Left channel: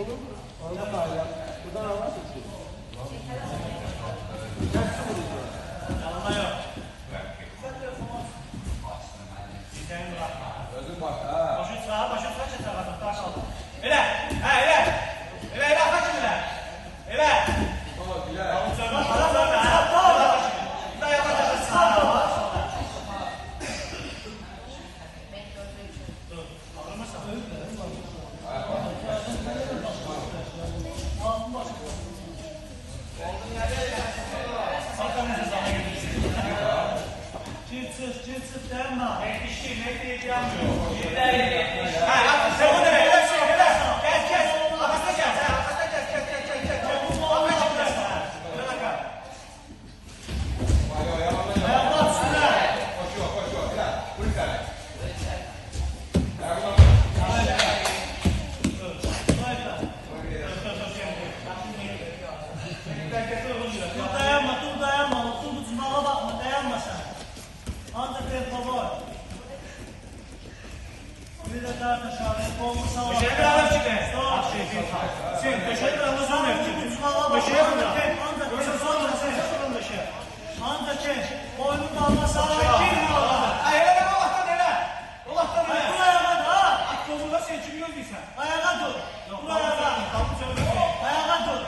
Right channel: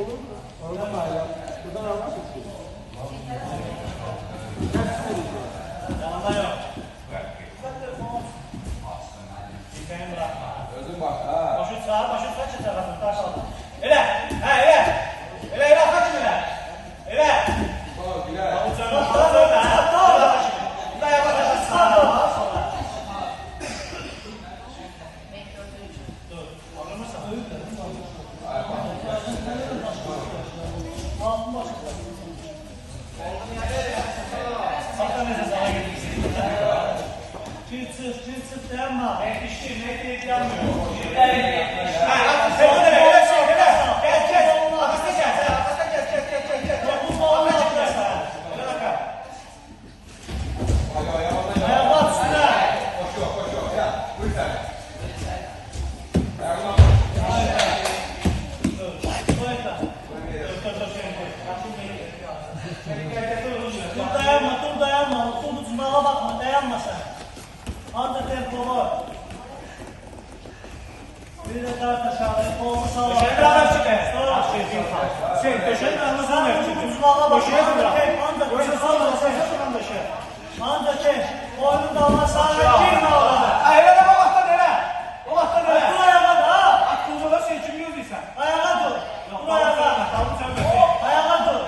Olur mu? Oradan da ayak. Buradan almak istiyorum. Yanında yok. Çiftlerini bırakma. Özüm bak ha. Başı sağa, başı sağa çıkar. Taş al. Ele. Ha ele. Ele kaçın ele. Ele. Tamam Bilal. Avuçlarına para söyle. Ha. Bir daha yavaş yavaş sağa. Sola. Dur. Alırmazsan. Sakın nefes ala getirsin. Çift sırt dayanma. Mekli yanmıyor. Ha, sen bunu ne? Öyle şey, öyle. Kes. Arkasına gel. Sen arkasına kes. Bu olmaz. Öyle bakar. Ayağına at üstüne. Koşuyor. Ya, buyur sen. Dur dayanma. Dur tutunağa bakma. Dayanma sen. Anda tempo var. Bir de daha aşağıda. Kolu sağa. Teşekkür ederim. Teşekkür ederim. Tutunağa bak. Anda tek. Boynu da Allah sana kim ağladı? Öyle deme baktan öyle. Allah'tan öyle. Dur ayağa da. Aklını da sen kim gördüysen. Ayağa dur. Dur ayağa. Ayağa dur.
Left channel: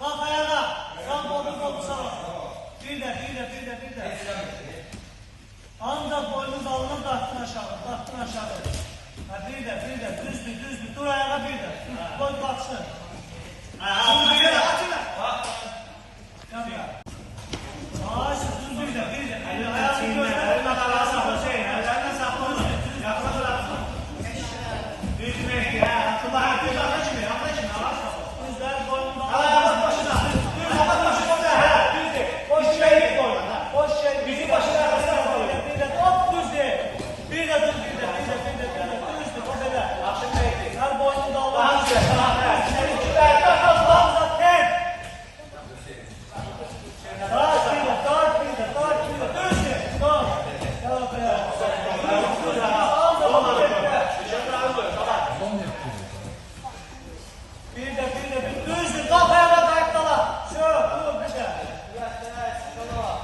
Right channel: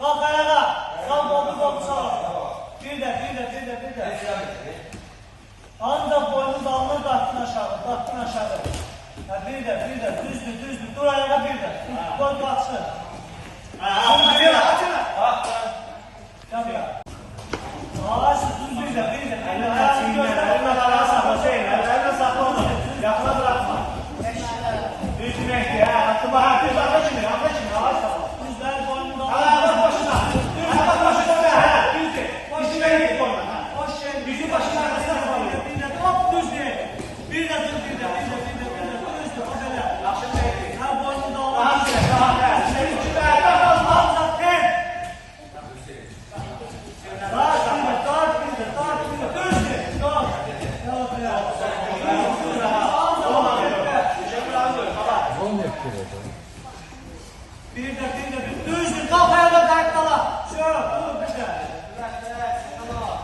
Bak ayağa. Sağ kolu sağ. Bir de. Anda boynu dalını kalktın aşağı. Ha bir de. Düzdür. Dur ayağa bir de. Boy kalksın. Açın. Gel ya. Düz bir de. Ayağını göster. Ellerini sakla onu. Yakına bırakma. Düz mehdi. Aklıma herkes akla şimdi. Düzler boynu dalını. Başına. Düz mehdi boynu. Bizim başına arkasına koyuyor. Hop düz diye. Bir de. Düz de. O kadar. Her boynu dalını. Senin için verden kalmazsa tek. Bir de. Düzdür. Kalk ayağa dayak dala. Şöyle dur bir de. Tamam.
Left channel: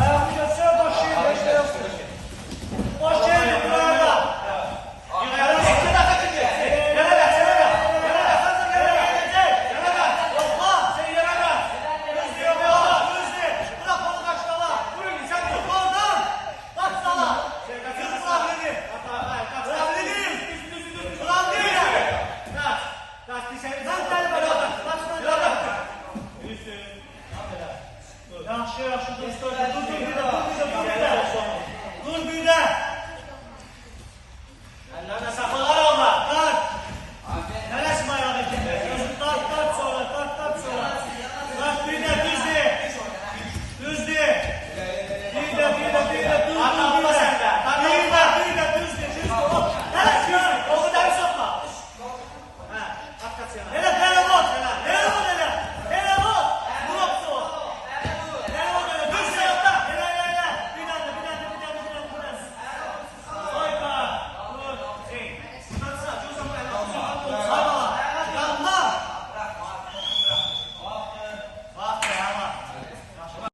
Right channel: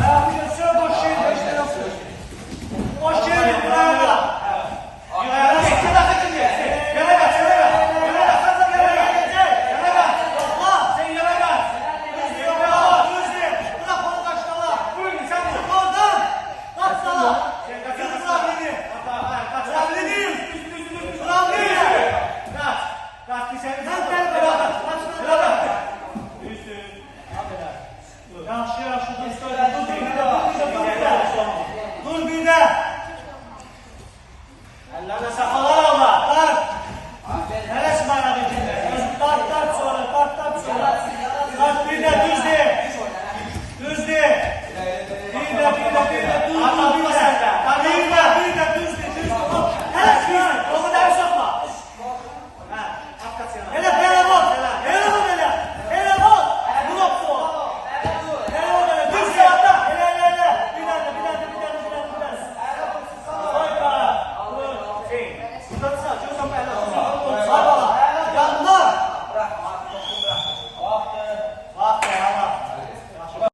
Ayağını göster boş şehirde. Boş şehirde buraya. Ayağını çekti de kaçıncı. Yana bak. Korkma. Sen yana bak. Yok. Düzdür. Bırak onu kaç dala. Vurun sen vur. Kaldır. Kaç dala. Bırak dedi. Bırak dedi. Bırak dedi. Kaç bir şey.